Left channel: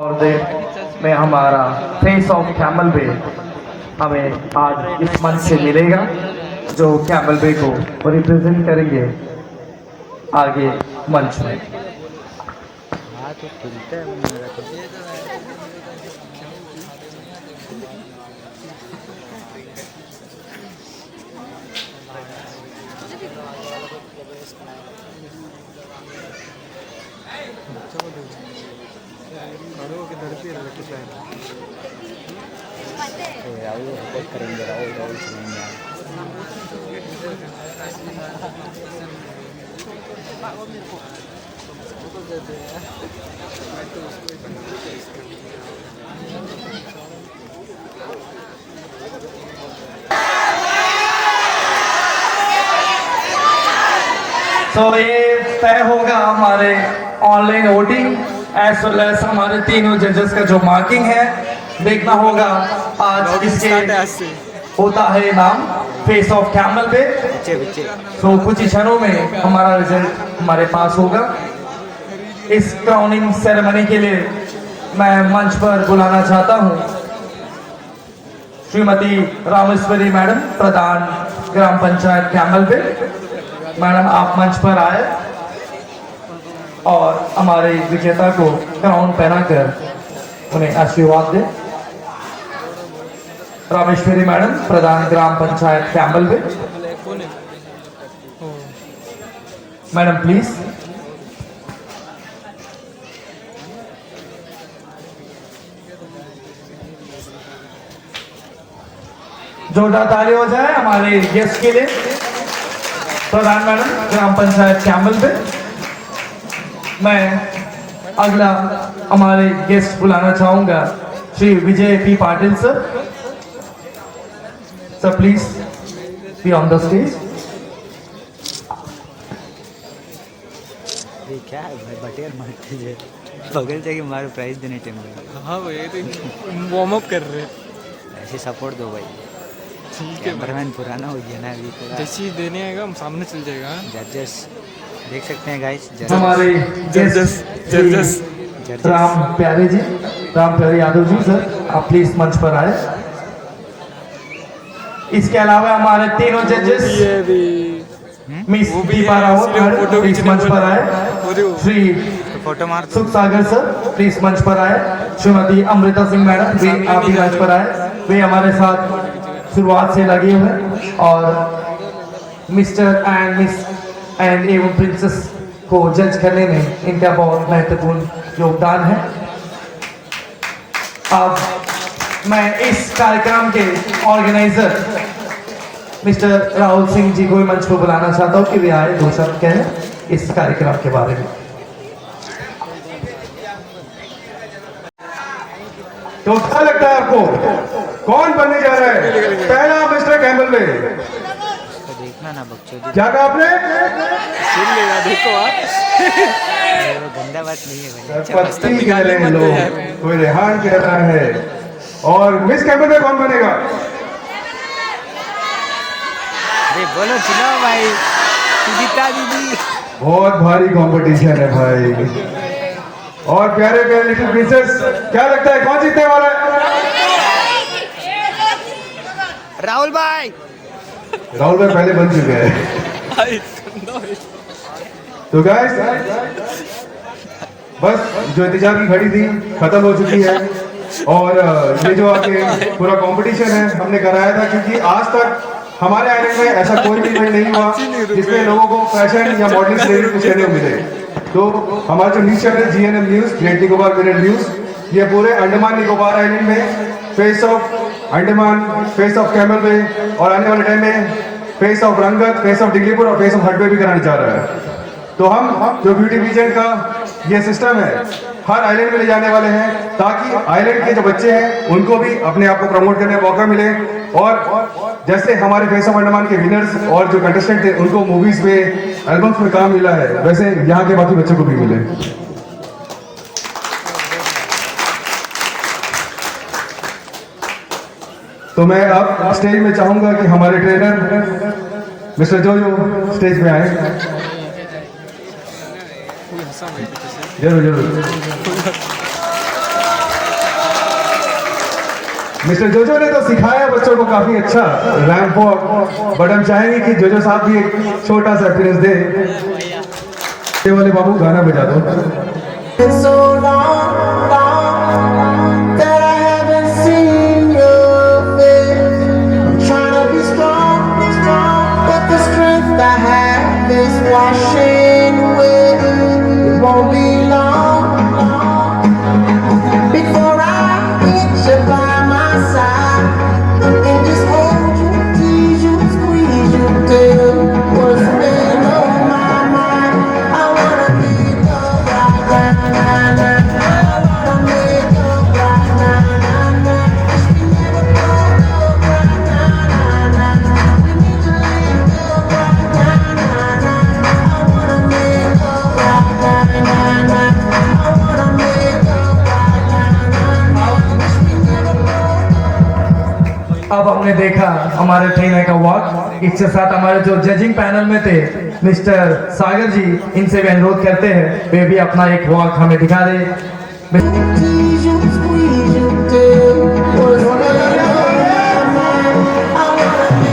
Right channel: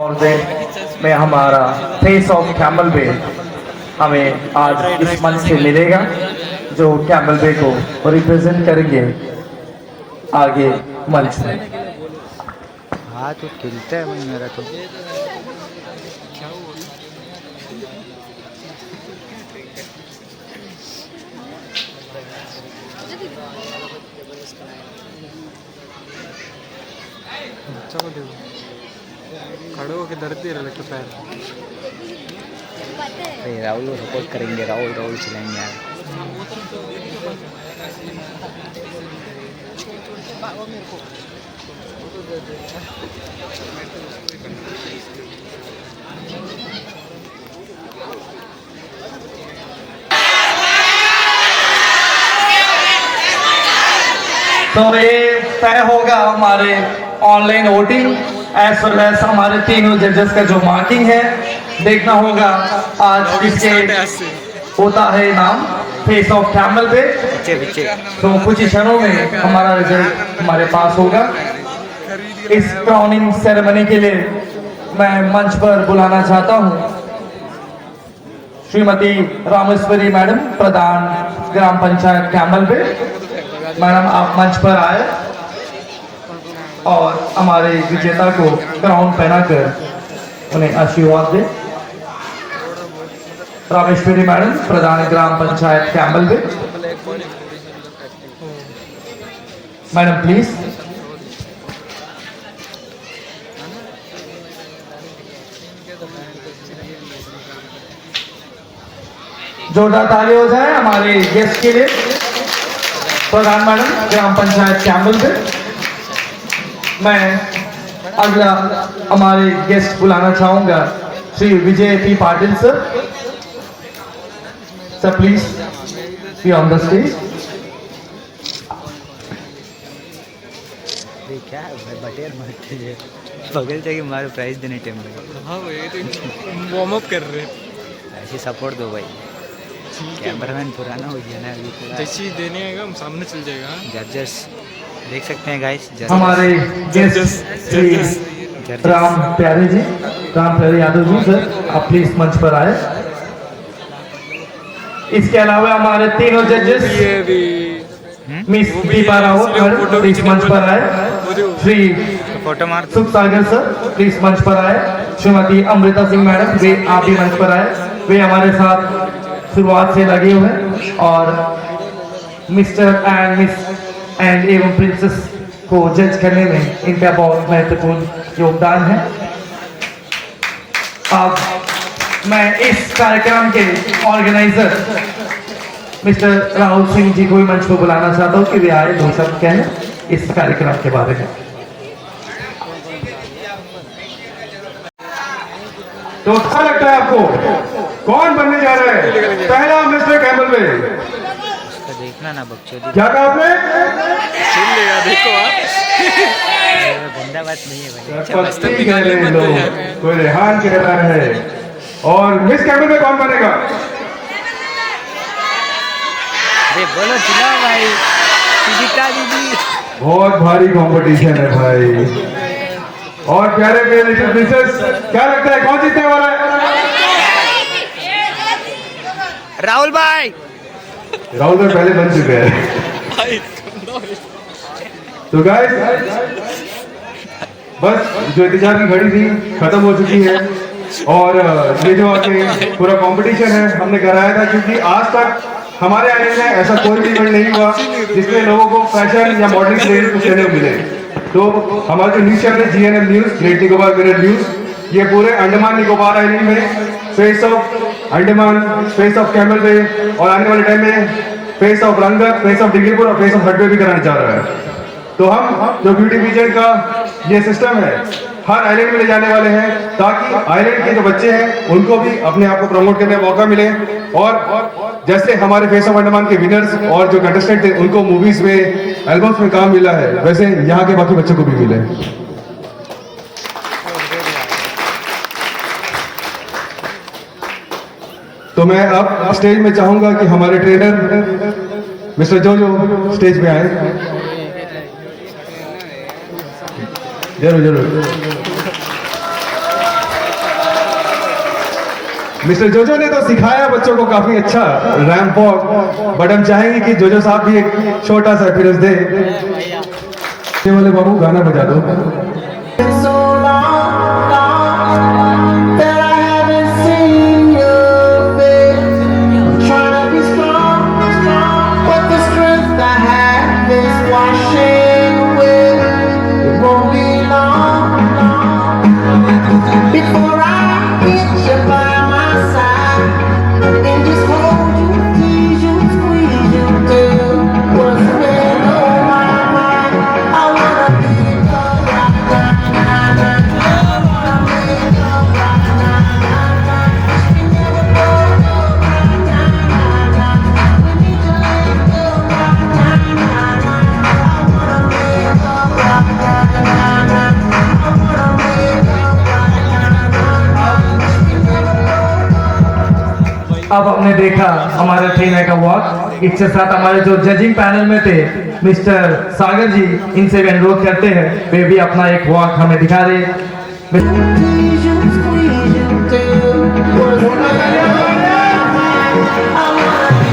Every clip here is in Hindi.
और देर में हमारा फेस ऑफ कैमल बे हमें आज इस मंच से मिलेगा, जो कैमल बे को रिप्रेजेंट करेंगे आगे मंच में। हाँ तो खिलता है मन मेरा तो। खड़ो के डरते रहे तो शायद राहुल को सपोर्ट करेंगे, राहुल राहुल चलाएंगे यार। तो ये तय होगा हमारे online voting as well as हमारे तीनों जजेस का जो मार्किंग है देखना होगा। आज किसके होता है नाम फेस ऑफ कैमल पे, पीछे तो कुछ क्षणों में हमारा रिजल्ट हमारे पास होगा। इस क्राउनिंग सेरेमनी के लिए मैं मंच पर बुलाना चाहता हूँ श्रीमती रामेश्वरी मैडम, प्रधान ग्राम पंचायत कैमल पे। मैडम आप मंच पर आए और हमारे विजेता को क्राउन पहनाकर उन्हें आशीर्वाद दे। रामेश्वरी मैडम, प्रधान ग्राम पंचायत कैमल पे। Madam please. जोरदार ताली हो जाए हमारे गेस्ट के लिए। प्रधान मैडम ग्राम पंचायत कैमल पे। मैं अगला हमारे गेस्ट बुलाना चाहूंगा Shri Vijay P Patil sir. Sir please be on the stage. क्या बटेर मारती है बगल जाके मारो प्राइज देने टाइम भाई। हाँ भाई तो वार्म अप कर रहे हैं। ऐसे सपोर्ट दो भाई। कैमरामैन पुराना हो गया ना अभी थोड़ा। जैसी देने आएगा हम सामने चल जाएगा। जजेस देख सकते हैं गाइस। हमारे गेस्ट राम प्यारे जी, राम प्यारे यादव जी, सर आप प्लीज मंच पर आए। इसके अलावा हमारे तीनों जजेस miss Deepa Rawat madam please मंच पर आए। श्री फोटो मार दो। सुख सागर सर प्लीज मंच पर आए। श्रीमती अमृता सिंह मैडम वे आप भी मंच पर आए। वे हमारे साथ शुरुआत से लगे हुए हैं और मिस्टर एंड मिस एंड एवं प्रिंसेस को जज करने में इनका बहुत महत्वपूर्ण योगदान है। अब मैं इस कार्यक्रम के ऑर्गेनाइजर मिस्टर राहुल सिंह जी को मंच को बुलाना चाहता हूँ कि वे आए, दो शब्द कहें इस कार्यक्रम के बारे में। तो अच्छा लगता है आपको? कौन बनने जा रहा है पहला मिस्टर कैमल में? उसका देखना ना बकचोदी। क्या कहा आपने? सुन लेगा देखो आप। गंदा बात नहीं है भाई। पत्ती कह रहे हैं लोग, कोई रेहान कह रहा है। और मिस कैमल में कौन बनेगा? अरे बोलो चिल्लाओ भाई। सुजीता दीदी। बहुत भारी कंपटीशन है भाई। और प्यारे प्यारे लिटिल प्रिंसेस, क्या लगता है कौन जीतने वाला है? राहुल भाई। राहुल भाई पहले बन चुके हैं। तो गाइस बस जो इंतजार की घड़ी थी खत्म हो चुकी है। और ये जो आके पूरा कंपटीशन है हमने कराया था, क्योंकि आज तक हमारे आइलैंड में ऐसा कोई भी इवेंट नहीं हुआ जिसमें लोगों को फैशन या मॉडलिंग से रिलेटेड कुछ कहने को मिले। तो हमारा जो न्यूज चैनल है GNM news, great Nicobar mirror news, ये पूरे अंडमान निकोबार आइलैंड में face of Andaman, face of Camel Bay और आने वाले टाइम में face of Rangat, face of Diglipur और फेस ऑफ हटवे भी कराना चाह रहा है। तो हम जो ब्यूटी विजन का ये सिस्टम है हर आइलैंड में ले जाने वाले हैं, ताकि आइलैंड के जो बच्चे हैं उनको भी अपने आप को प्रमोट करने का मौका मिले। और जैसे हमारे फेस ऑफ अंडमान के विनर्स और जो कंटेस्टेंट थे उनको मूवीज में, एल्बम्स में काम मिला है, वैसे यहाँ के बाकी बच्चों को भी मिले। तो मैं अब स्टेज में चाहूंगा कि हमारे ट्रेनर मिस्टर जोजो स्टेज पे आए। जरूर जरूर। मिस्टर जोजो ने तो सिखाया बच्चों को काफी अच्छा रैंप वॉक, बट हम चाहेंगे कि जोजो साहब भी एक छोटा सा फिर दे। ये वाले बाबू गाना बजा दो। So long that I haven't seen your face. I'm trying to be strong, but the strength I have is washing away. It won't be long before I get you by my side and just hold you, tease you, squeeze you till what's been on my mind. I wanna be loved right now. अब हमने देखा हमारे ट्रेनर का वॉक। इसके साथ हमारे जो जजिंग पैनल में थे मिस्टर सागर जी, इनसे भी अनुरोध करते हैं वे भी अपना एक वॉक हमें दिखा दे। Tease you, squeeze you till what's been on my mind. I wanna be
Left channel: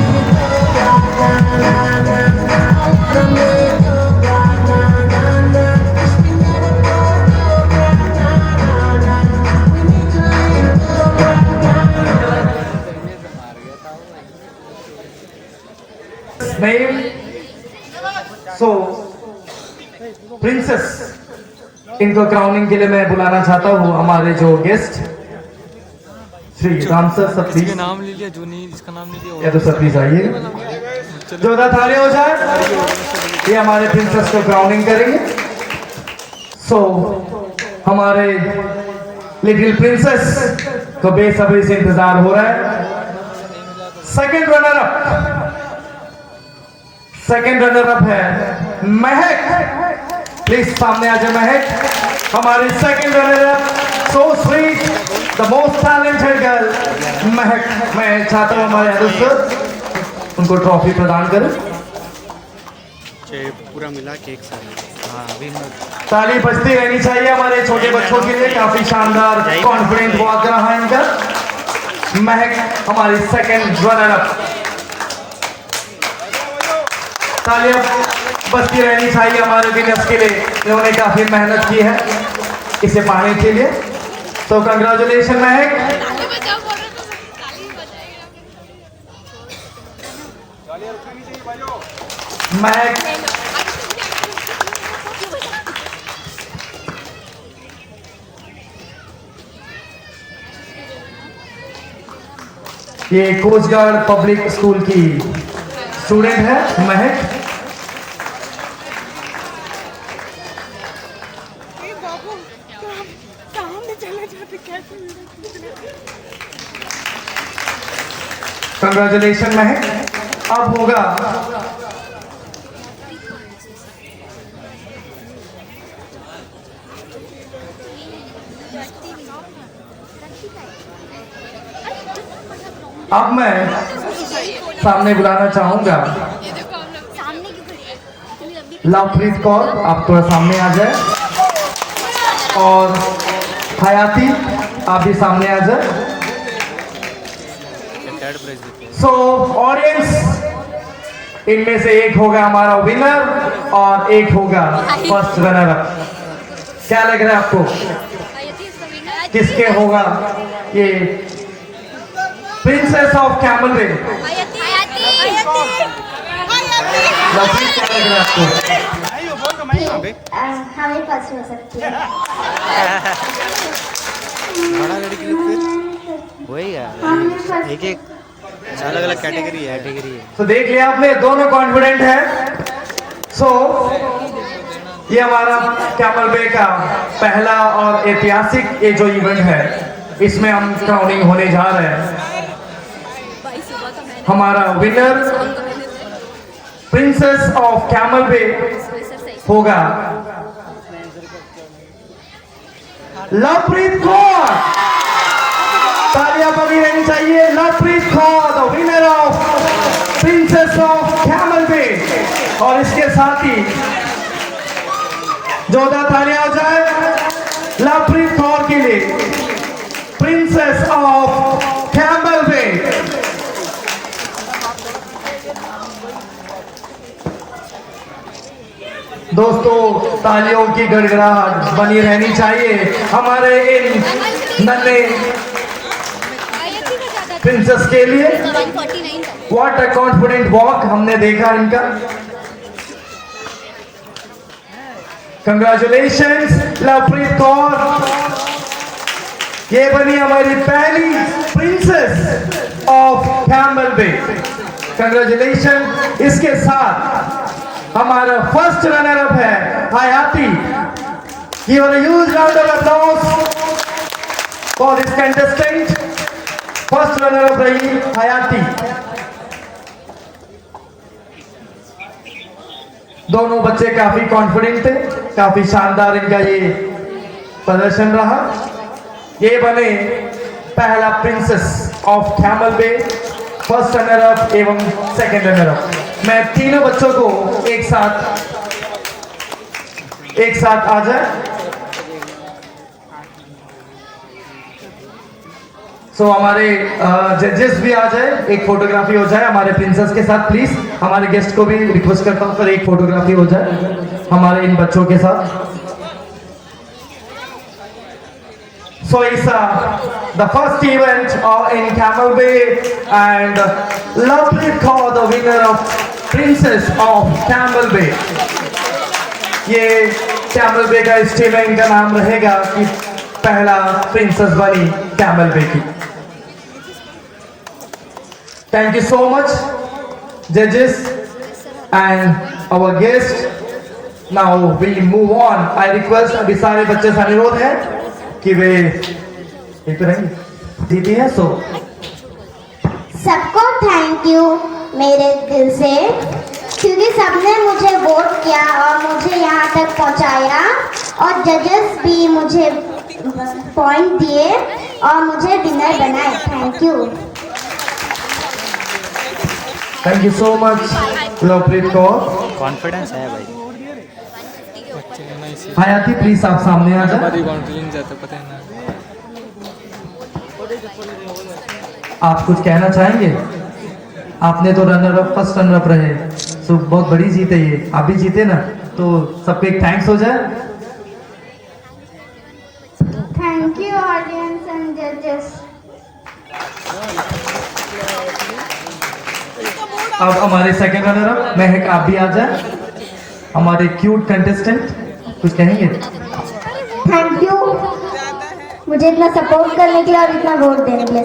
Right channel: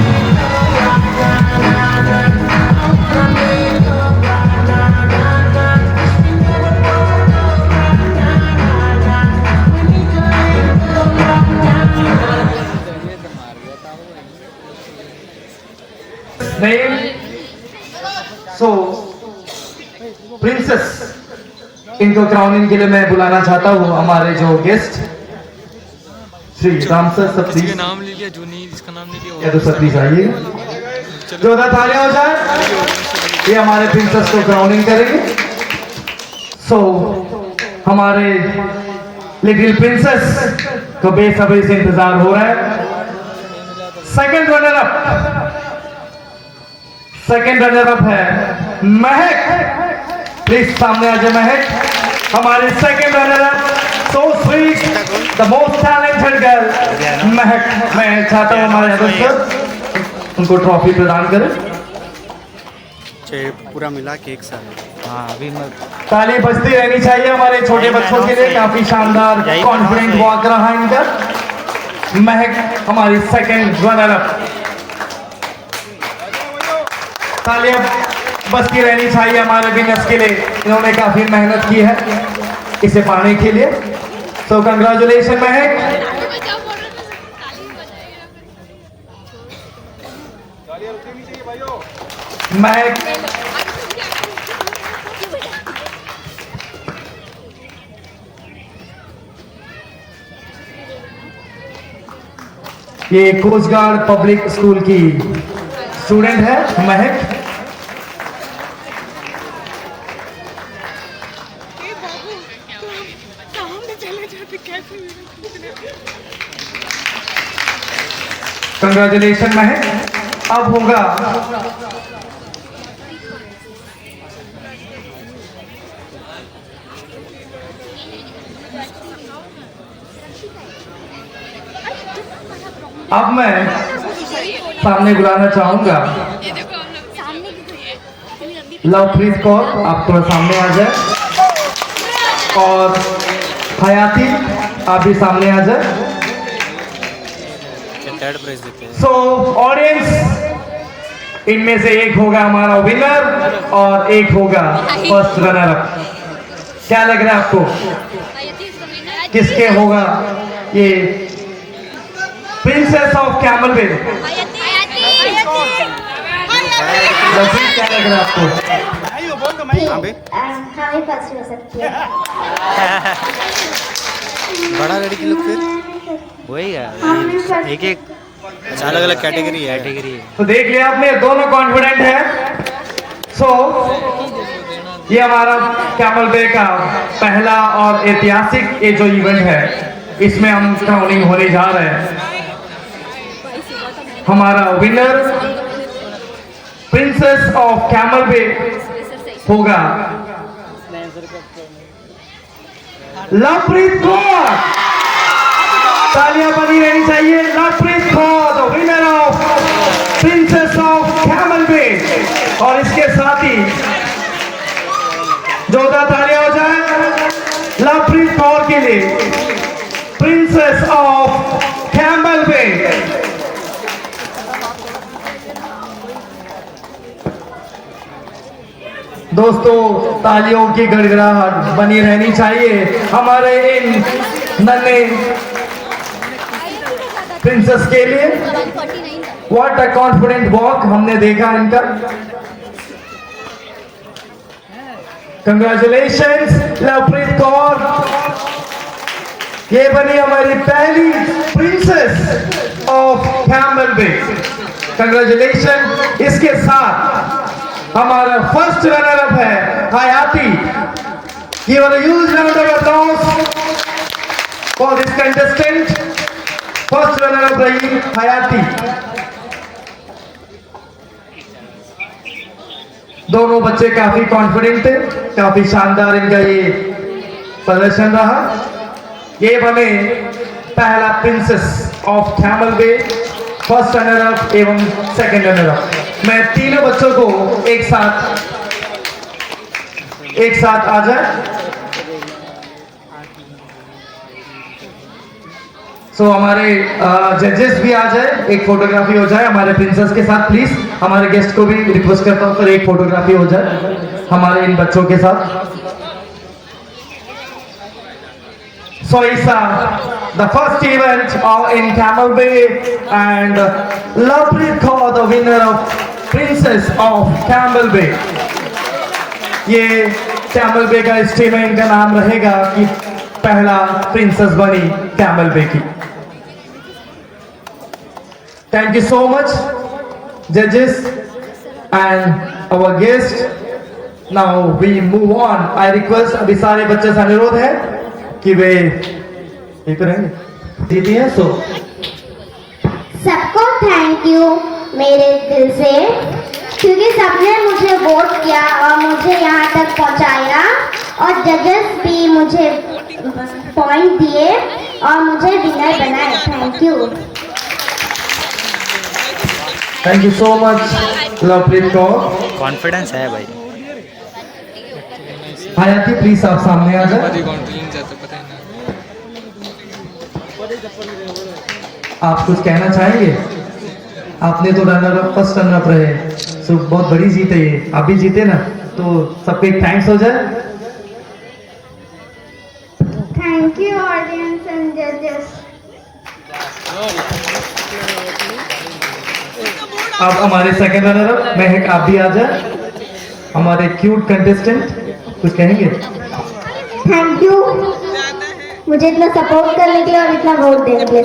name so princess, इनको क्राउनिंग के लिए मैं बुलाना चाहता हूँ हमारे जो गेस्ट श्री राम सर सब किसी प्लीज, का नाम ले लिया जो नहीं, जिसका नाम नहीं या लिया तो सब प्लीज आइए, जोरदार तालियां हो जाए। ये हमारे प्रिंसेस को क्राउनिंग करेंगे। सो हमारे लिटिल प्रिंसेस को बेसब्री से इंतजार हो रहा है। सेकंड रनर अप है महक, प्लीज सामने आ जाए महक, हमारी second runner up, so sweet, the most talented girl महक। मैं चाहता हूँ हमारे दोस्त उनको ट्रॉफी प्रदान करें। पूरा मिला के एक साथ। हाँ अभी मैं ताली बजती रहनी चाहिए हमारे छोटे बच्चों के लिए। काफी शानदार कॉन्फिडेंट वॉक रहा है इनका। महक हमारी सेकंड रनर अप, तालियां बजती रहनी चाहिए हमारे विनर्स के लिए। इन्होंने काफी मेहनत की है इसे पाने के लिए। सो कंग्रेचुलेशन महक। महक ये कोस्ट गार्ड पब्लिक स्कूल की स्टूडेंट है महक। कंग्रेचुलेशन महक। अब होगा अब मैं सामने बुलाना चाहूंगा लवप्रीत कौर, आप थोड़ा सामने आ जाए, और हयाती आप भी सामने आ जाए। सो ऑडियंस, इनमें से एक होगा हमारा विनर और एक होगा फर्स्ट रनर अप। क्या लग रहा है आपको किसके होगा ये प्रिंसेस ऑफ कैमल वे? क्या लग रहा है आपको? हमें फर्स्ट हो सकती है। बड़ा गाड़ी की लोग वही है, एक एक अलग अलग कैटेगरी है। तो देख लिया आपने, दोनों कॉन्फिडेंट है। सो ये हमारा कैमल वे का पहला और ऐतिहासिक ये जो इवेंट है, इसमें हम क्राउनिंग होने जा रहे हैं। हमारा winner princess of Camel Bay होगा लवप्रीत कौर। तालियां बनी रहनी चाहिए। Lovepreet Kaur the winner of princess of Camel Bay. और इसके साथ ही जोरदार तालियां हो जाए लवप्रीत कौर के लिए, प्रिंसेस ऑफ कैमल दोस्तों तालियों की गड़गड़ाहट बनी रहनी चाहिए हमारे इन नन्हे प्रिंसेस के लिए। व्हाट अ कॉन्फिडेंट वॉक हमने देखा इनका। कंग्रेचुलेशंस लवप्रीत कौर, ये बनी हमारी पहली princess of Camel Bay. Congratulation. इसके साथ हमारा फर्स्ट रनर अप है Hayati. Give a huge round of applause for this contestant. First runner up रही हयाती। दोनों बच्चे काफी कॉन्फिडेंट थे, काफी शानदार इनका ये प्रदर्शन रहा। ये बने पहला princess of Camel Bay, first runner up एवं सेकंड रनर अप। मैं तीनों बच्चों को एक साथ आ जाए। सो हमारे जजेस भी आ जाए, एक फोटोग्राफी हो जाए हमारे प्रिंसेस के साथ प्लीज। हमारे गेस्ट को भी रिक्वेस्ट करता हूँ सर, एक फोटोग्राफी हो जाए हमारे इन बच्चों के साथ। So it's the first event in Camel Bay, and Lovepreet Kaur, the winner of Princess of Camel Bay. ये Camel Bay का इस टीम में इनका नाम रहेगा कि पहला प्रिंसेस बनी Camel Bay की। Thank you so much, judges and our guest. Now we move on. I request अभी सारे बच्चे से अनुरोध है कि वे ये करेंगे दीदी है। सो सबको थैंक यू मेरे दिल से, क्योंकि सबने मुझे वोट किया और मुझे यहाँ तक पहुँचाया, और जजेस भी मुझे पॉइंट दिए और मुझे विनर बनाए। Thank you so much Lovepreet Kaur. Confidence है भाई। हयाती प्लीज आप सामने आ जाए। कॉन्फिडेंस है तो पता ही नहीं। आप कुछ कहना चाहेंगे? आपने तो runner up, first runner up रहे, सो बहुत बड़ी जीत है ये। आप भी जीते ना, तो सबको एक थैंक्स हो जाए। थैंक यू ऑडियंस एंड जजेस। अब हमारे सेकंड रनर अप महक, आप भी आ जाए। हमारे क्यूट कंटेस्टेंट कुछ कहेंगे? थैंक यू मुझे इतना सपोर्ट करने के लिए और इतना वोट देने के लिए।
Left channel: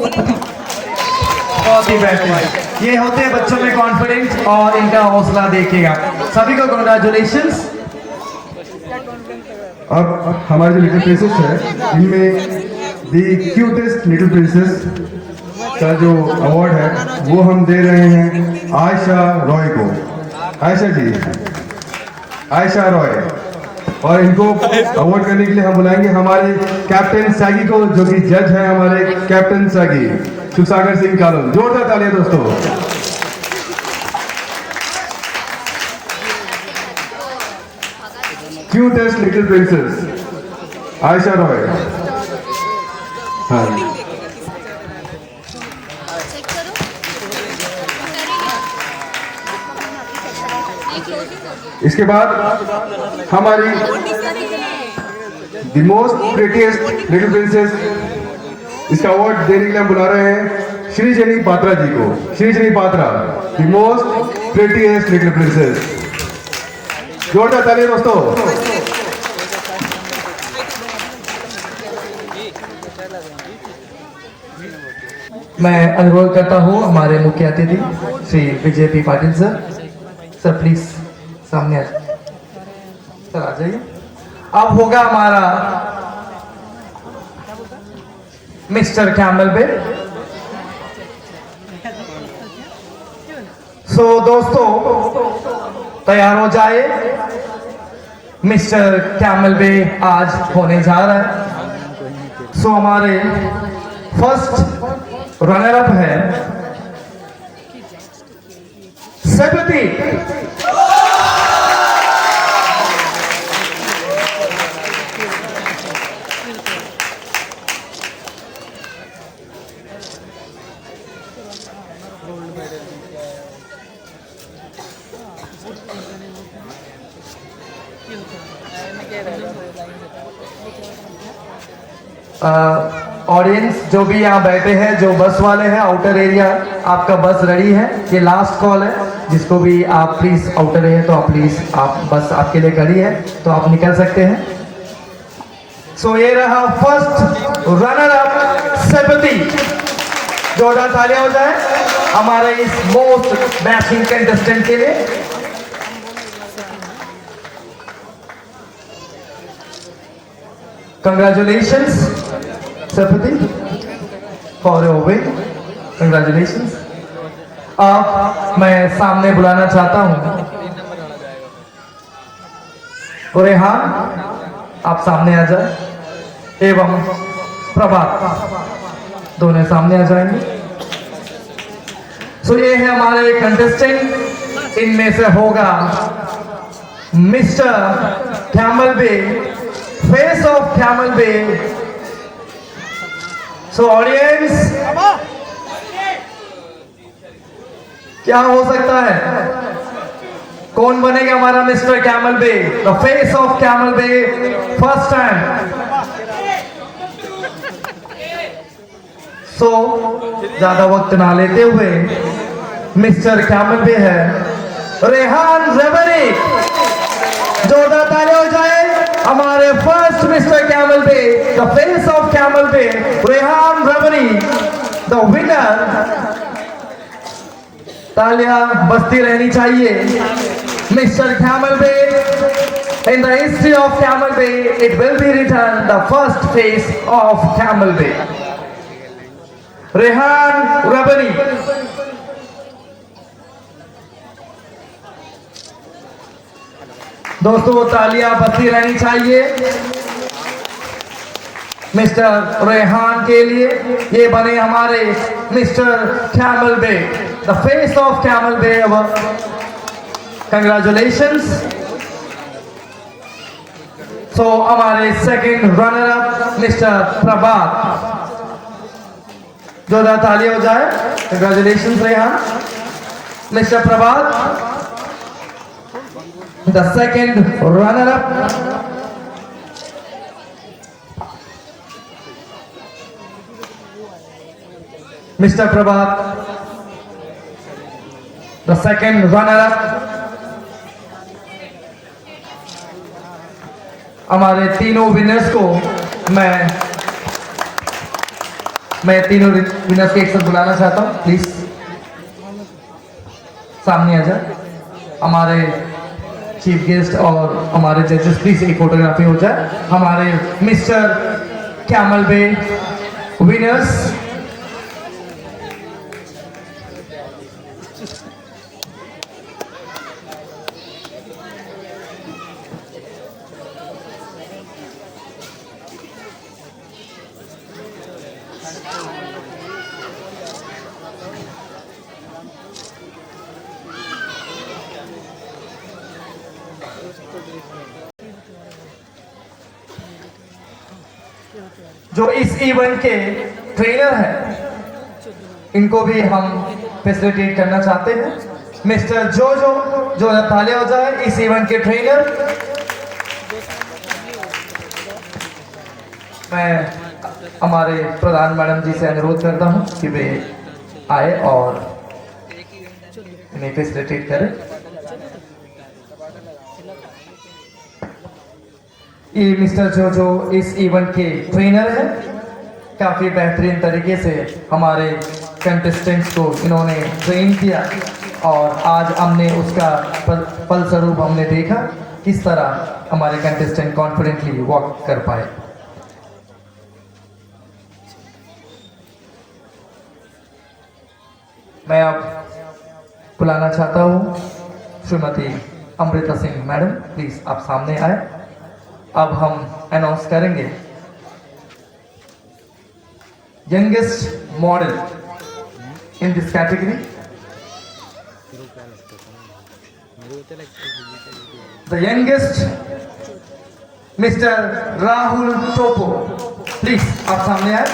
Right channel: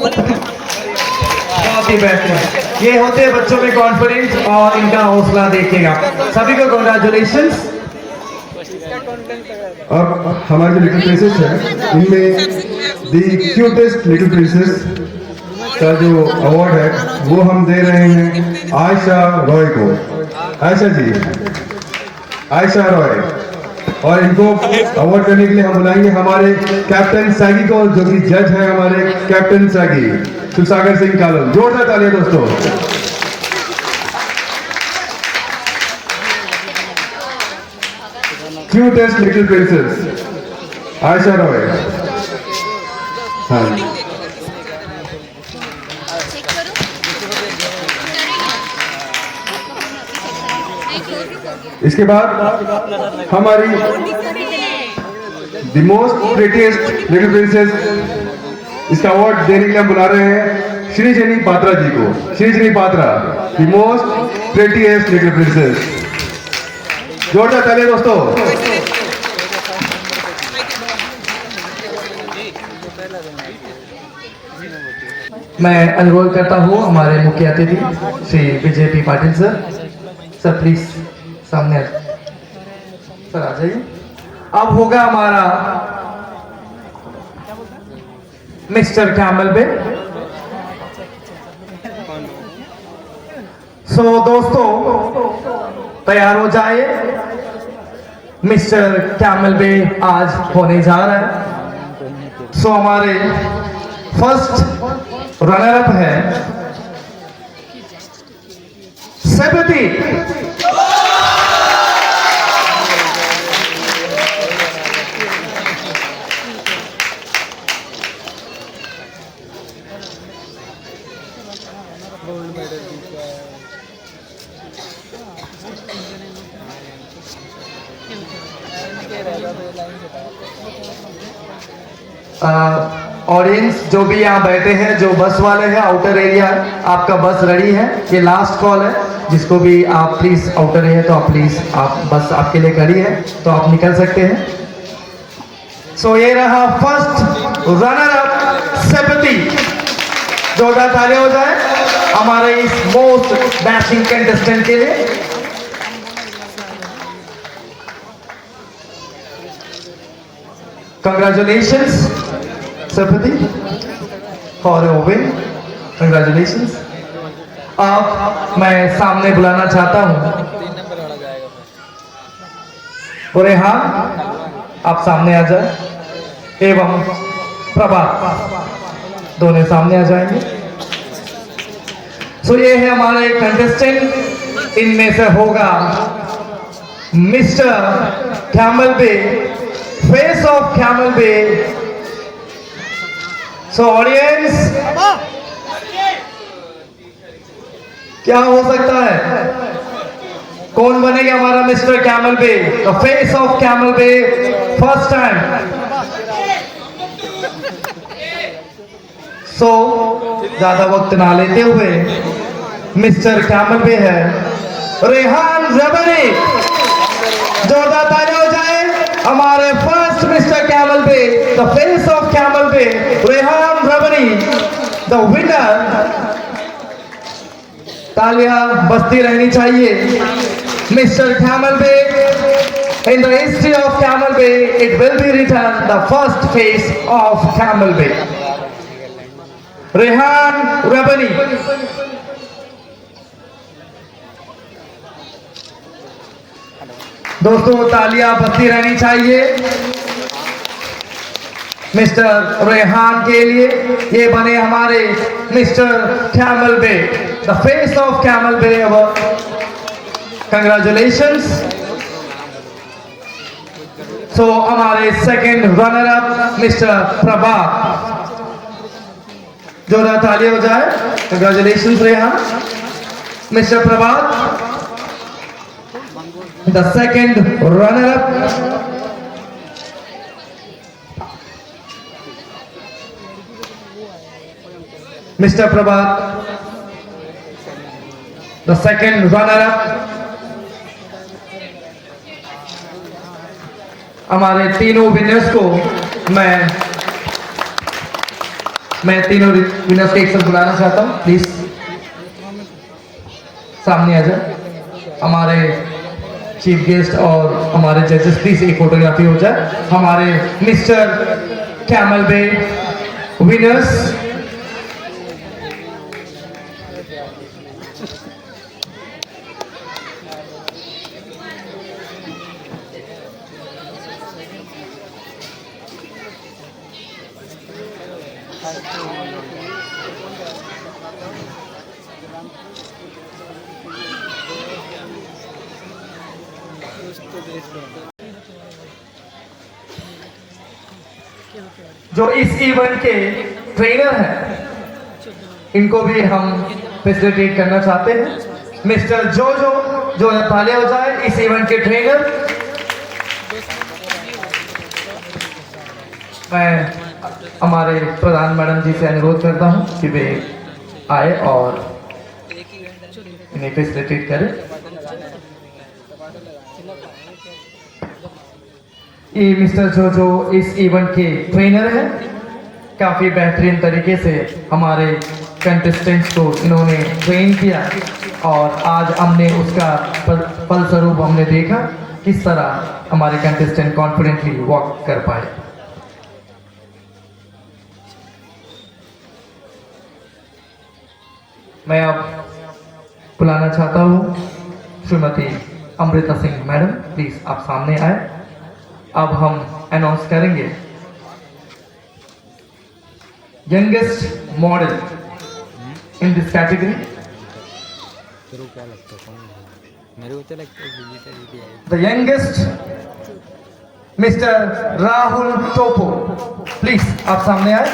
बहुत ही बेहतरीन। ये होते हैं बच्चों में कॉन्फिडेंस और इनका हौसला देखिएगा। सभी को कंग्रेचुलेशंस। अब हमारे जो लिटिल प्रिंसेस है, इनमें दी क्यूटेस्ट लिटिल प्रिंसेस का जो अवार्ड है वो हम दे रहे हैं आयशा रॉय को। आयशा जी, आयशा रॉय। और इनको अवार्ड करने के लिए हम बुलाएंगे हमारे कैप्टन सैगी को, जो कि जज हैं हमारे कैप्टन सैगी सुसागर सिंह कालम। जोरदार तालियां दोस्तों। Cutest little princess Ayesha Roy. हाँ, इसके बाद हमारी the most prettiest little princess, इसका अवार्ड देने के लिए हम बुला रहे हैं श्री जनी पात्रा जी को। Shri Jani Patra, the most prettiest little princess. जोरदार तालियां दोस्तों। मैं अनुरोध करता हूँ हमारे मुख्य अतिथि Shri Vijay P Patil sir please सामने आ सर, आ जाइए। अब होगा हमारा मिस्टर कैमल बे। सो दोस्तों तैयार हो जाए, मिस्टर कैमल बे आज होने जा रहा है। सो हमारे फर्स्ट रनर अप है सेपति। ऑडियंस जो भी यहाँ बैठे हैं, जो बस वाले हैं, आउटर एरिया आपका बस रेडी है, ये लास्ट कॉल है, जिसको भी आप प्लीज आउटर है तो आप प्लीज आप बस आपके लिए खड़ी है तो आप निकल सकते हैं। सो ये रहा फर्स्ट रनर अप सेपति। जोरदार तालियां हो जाए हमारे इस मोस्ट डैशिंग कंटेस्टेंट के लिए। कंग्रेचुलेशंस सेपति फॉर योर विन, कंग्रेचुलेशंस। अब मैं सामने बुलाना चाहता हूं रेहान, आप सामने आ जाए, एवं प्रभात दोनों सामने आ जाएंगे। सो ये है हमारे कंटेस्टेंट, इनमें से होगा mister Camel Bay, face of Camel Bay. So audience, क्या हो सकता है, कौन बनेगा हमारा mister Camel Bay, the face of Camel Bay first time. So ज्यादा वक्त ना लेते हुए मिस्टर कैमल बे है रेहान रबरी। जोरदार तालियां हो जाए हमारे first mister Camel Bay, the face of Camel Bay, Rehan Rabari the winner. तालियां बजती रहनी चाहिए। Mister Camel Bay, in the history of Camel Bay, it will be written the first face of Camel Bay. Rehan Rabbani. दोस्तों तालियां बजती रहनी चाहिए मिस्टर रेहान के लिए। ये बने हमारे mister Camel Bay, the face of Camel Bay. Congratulations. So हमारे second runner up mister Prabhat. जोरदार तालियां हो जाए, congratulations Rehan. Mister Prabhat the second runner up. Mister Prabhat the second runner up. हमारे तीनों विनर्स को मैं तीनों विनर्स को एक साथ बुलाना चाहता हूं, प्लीज सामने आ जाए। हमारे चीफ गेस्ट और हमारे जजेस प्लीज एक फोटोग्राफी हो जाए। हमारे मिस्टर कैमल बे विनर्स। जो इस इवेंट के ट्रेनर हैं, इनको भी हम फैसिलिटेट करना चाहते हैं। मिस्टर जो तालियां हो जाए इस इवेंट के ट्रेनर। मैं हमारे प्रधान मैडम जी से अनुरोध करता हूं कि वे आए और इन्हें फैसिलिटेट करें। ये मिस्टर जो इस इवेंट के ट्रेनर हैं। काफ़ी बेहतरीन तरीके से हमारे कंटेस्टेंट्स को इन्होंने ट्रेन किया और आज हमने उसका फलस्वरूप हमने देखा किस तरह हमारे कंटेस्टेंट कॉन्फिडेंटली वॉक कर पाए। मैं अब बुलाना चाहता हूँ श्रीमती अमृता सिंह मैडम, प्लीज आप सामने आए। अब हम अनाउंस करेंगे youngest model in this category. The youngest mister Rahul Toppo, please आप सामने आए।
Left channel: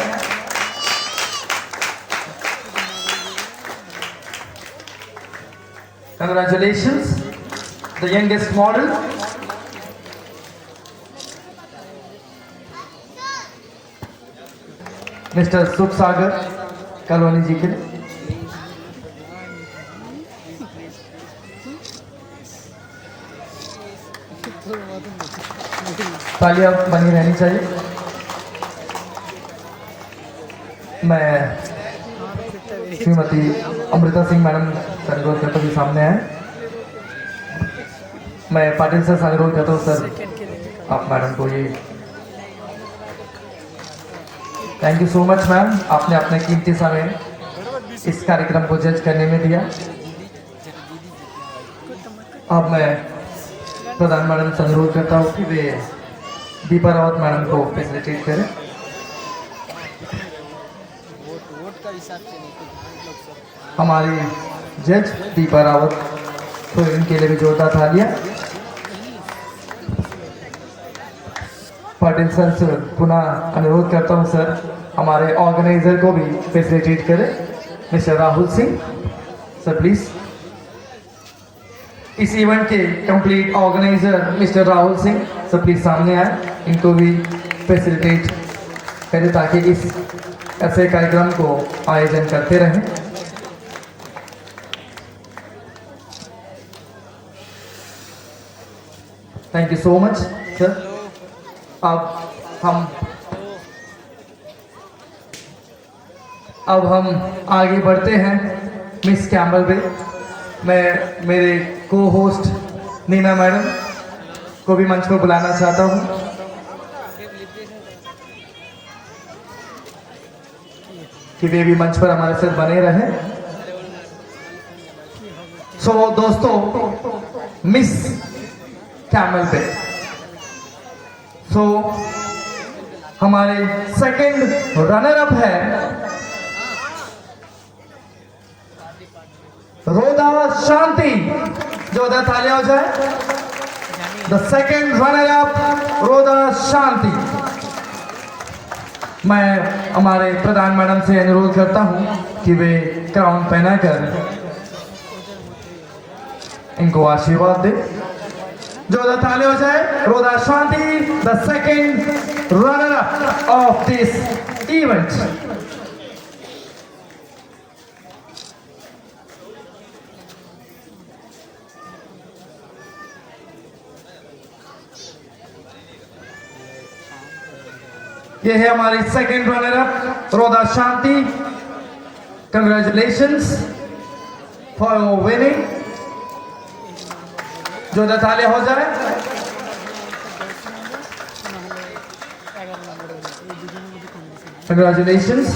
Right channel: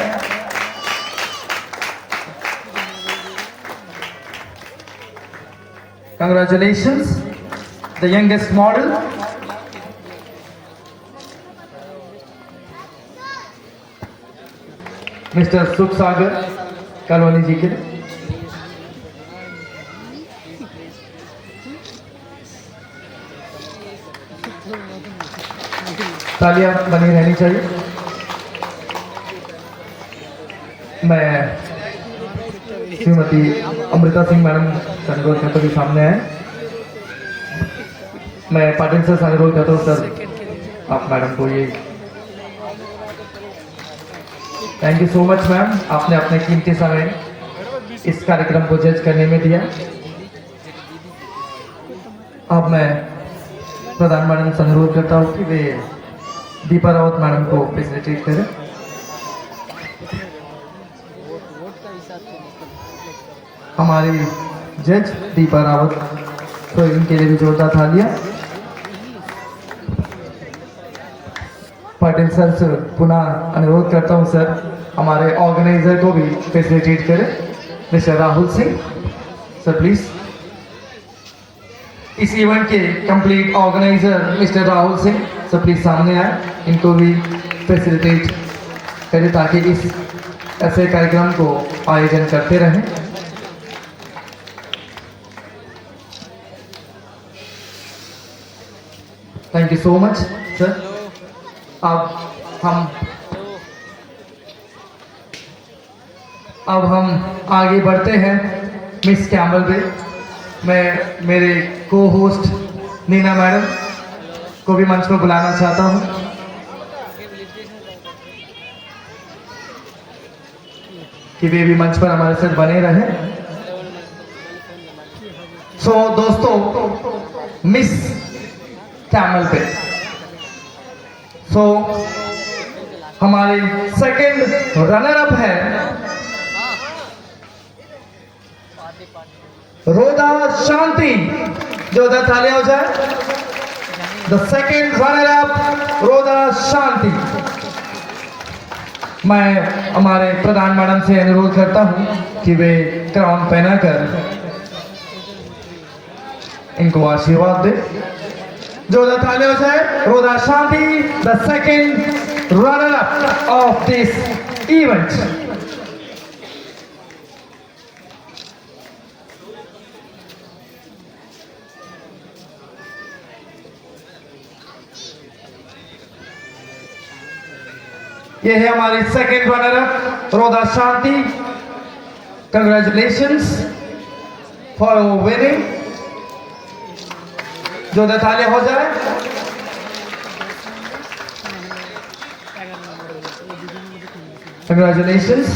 Congratulations the youngest model. Mister Sukh Sagar colony जी के लिए। तालियां बनी रहनी चाहिए। मैं श्रीमती अमृता सिंह मैडम से अनुरोध करता हूँ कि सामने आए। मैं पाटिल सर से अनुरोध करता हूँ सर आप मैडम को ये। Thank you so much ma'am, आपने अपने कीमती समय इस कार्यक्रम को जज करने में दिया। अब मैं प्रधान मैडम से अनुरोध करता हूँ कि वे दीपा रावत मैडम को फैसिलिटेट करें। हमारी जज दीपा रावत, तो इनके लिए भी जोरदार तालियां। पाटिल सर से पुनः अनुरोध करता हूं सर हमारे ऑर्गेनाइजर को भी फैसिलिटेट करें, mister Rahul Singh sir please. इस इवेंट के complete organiser mister Rahul Singh sir please सामने आए, इनको भी फैसिलिटेट करें ताकि इस ऐसे कार्यक्रम को आयोजन करते रहें। Thank you so much sir. अब हम आगे बढ़ते हैं मिस कैम्बल पे। मैं मेरे को होस्ट नीना मैडम को भी मंच पर बुलाना चाहता हूं कि वे भी मंच पर हमारे साथ बने रहें। सो दोस्तों, मिस कैमल पे हमारी सेकंड रनर अप है रोदा शांति। जो उधर तालियां हो जाए। द सेकंड रनर अप रोदा शांति। मैं हमारे प्रधान मैडम से अनुरोध करता हूं कि वे क्राउन पहनाकर इनको आशीर्वाद दे। जो उधर तालियां हो जाए। Roda Shanti, the second runner up of this event. ये है हमारी सेकंड रनर अप रोदा शांति। Congratulations for winning. जो तालियां हो जाए। कंग्रेचुलेशंस।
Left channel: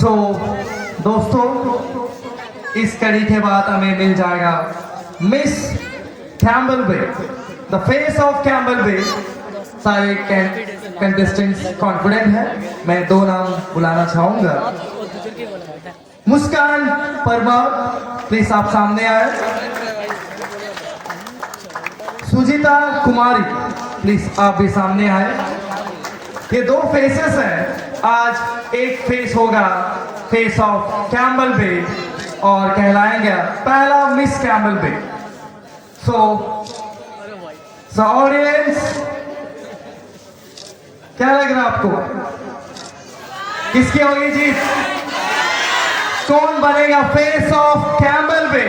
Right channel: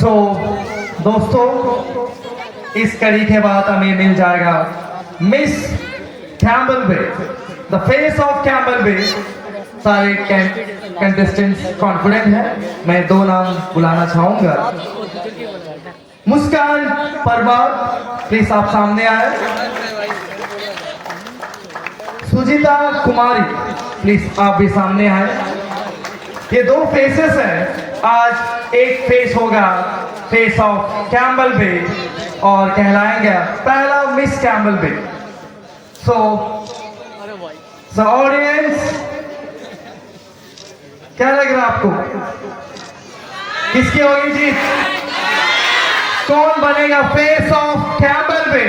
सो दोस्तों, इस कड़ी के बाद हमें मिल जाएगा miss Camel Bay, the face of Camel Bay. सारे कंटेस्टेंट्स कॉन्फिडेंट हैं। मैं दो नाम बुलाना चाहूंगा। मुस्कान परमार, प्लीज आप सामने आए। सुजीता कुमारी, प्लीज आप भी सामने आए। ये दो फेसेस हैं। आज एक फेस होगा फेस ऑफ कैम्बल बे और कहलाएंगे पहला miss Camel Bay. So audience, क्या लग रहा है आपको? किसकी होगी जीत? कौन बनेगा face of Camel Bay,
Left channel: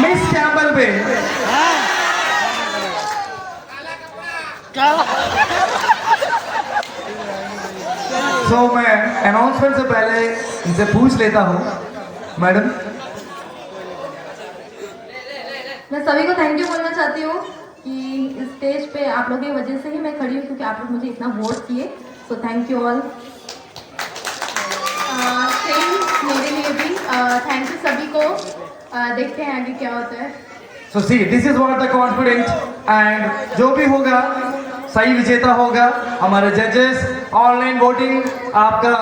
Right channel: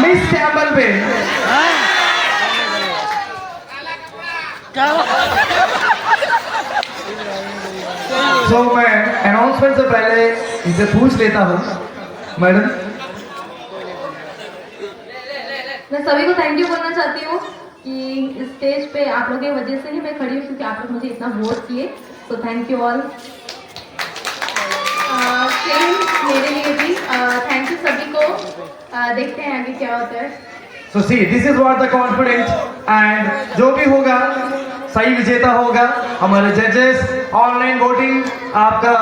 miss Camel Bay? So मैं अनाउंसमेंट से पहले इनसे पूछ लेता हूँ, मैडम। मैं सभी को थैंक यू करना चाहती हूँ कि इस स्टेज पे आप लोगों की वजह से ही मैं खड़ी हूँ, क्योंकि आप लोग मुझे इतना वोट किए। So thank you all. मेरे लिए भी थैंक यू सभी को। देखते हैं आगे क्या होता है। So see, this is what the confidence. And जो भी होगा सही विजेता होगा। हमारे जजेस ऑनलाइन वोटिंग आपका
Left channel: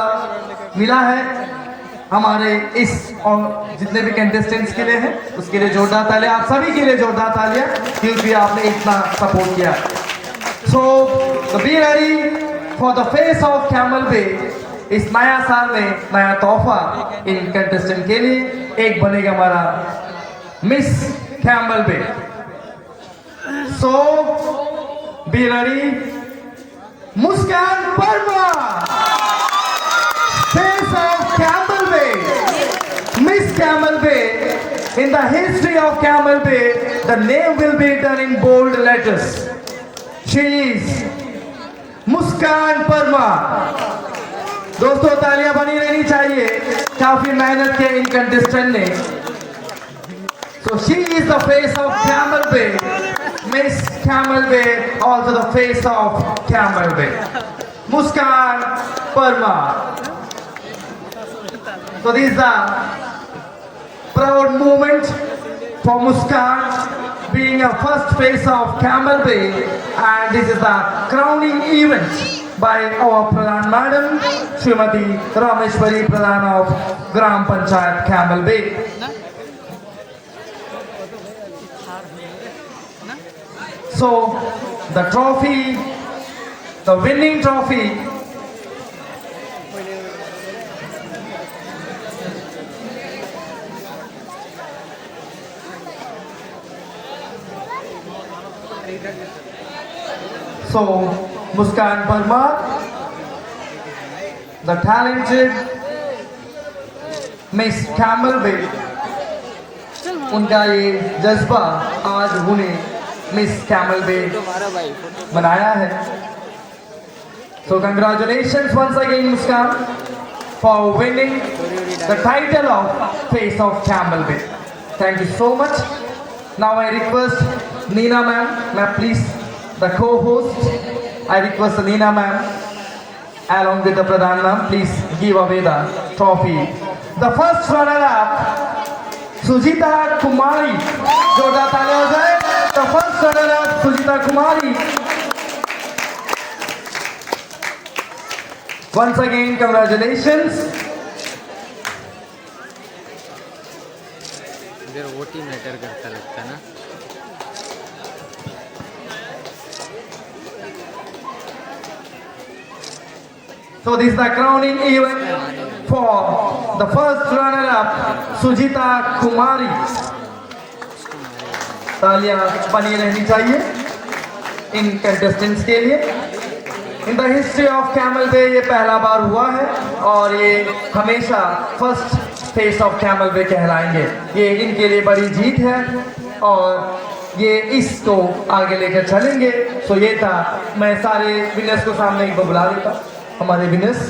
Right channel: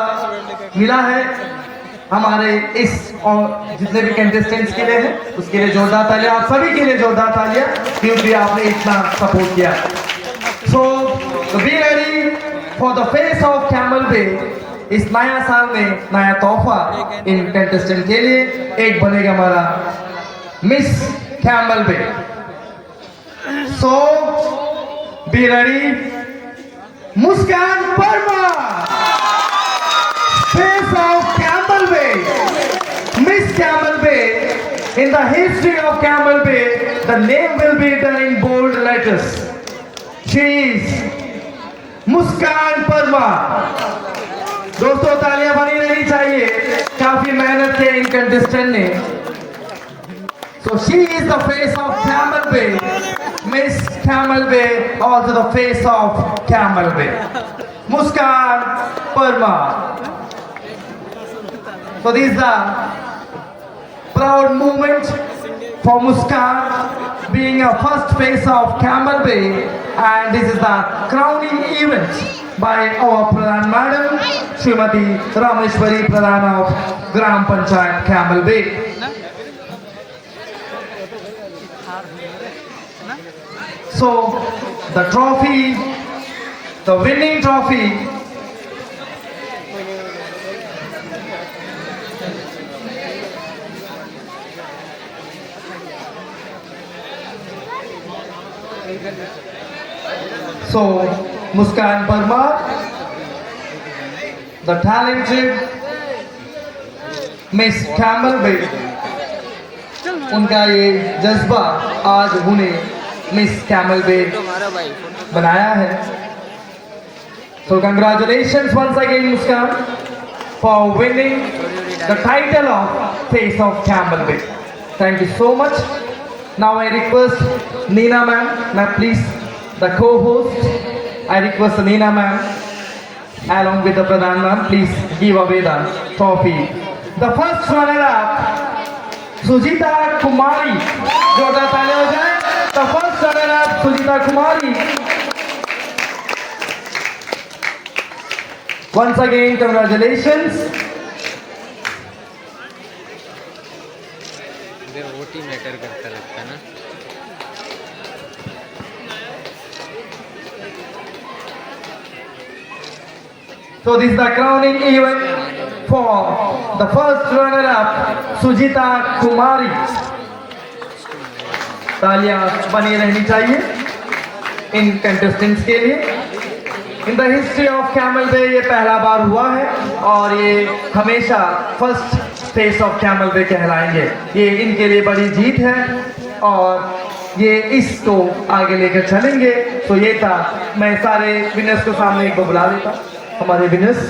मिला है हमारे इस और जितने भी कंटेस्टेंट्स के लिए है, उसके लिए जोरदार तालियां। आप सभी के लिए जोरदार तालियां, क्योंकि आपने इतना सपोर्ट किया। So be ready for the face of Camel Bay. इस नया साल में नया तोहफा इन कंटेस्टेंट के लिए एक बनेगा हमारा miss Camel Bay. So be ready Muskan Parmar, face of Camel Bay, Miss Camel Bay. In the history of Camel Bay, the name will be written in bold letters. She is Muskan Parmar. दोस्तों तालियां बनी रहनी चाहिए, काफी मेहनत की इन कंटेस्टेंट ने. So she is the face of Camel Bay, Miss Camel Bay, also the face of Camel Bay, Muskan Parmar. So this is the proud moment for Muskan being a first face of Camel Bay, and this is the crowning event by our Pradhan Madam, Srimati Rameshwari Pradhan of Gram Panchayat Camel Bay. So the trophy, the winning trophy, so Muskan Parmar, the talented Miss Camel Bay, उनका ये जज्बा आज उन्हें मिस कैमल बे बनाया है. So congratulations once again Muskan for winning the title of Face of Camel Bay. Thank you so much. Now I request Neena ma'am, please, the co-host, I request Neena ma'am along with the Pradhan ma'am, please give away the trophy. The first runner-up, Sujita Kumari. जोरदार तालियां हो जाए. The first runner-up, Sujita Kumari. Once again, congratulations. इधर वोट ही मैटर करता लगता है ना. So this is the crowning event for the first runner-up, Sujita Kumari. तालियां बनी रहनी चाहिए इन कंटेस्टेंट्स के लिए. In the history of Camel Bay ये पहला बार हुआ है और ये हमेशा first face of Camel Bay कहलाएंगे. ये इनके लिए बड़ी जीत है और ये इसको आगे लेकर चलेंगे. तो ये था, मैं सारे विनर्स को सामने एक बार बुला देता. हमारे विनर्स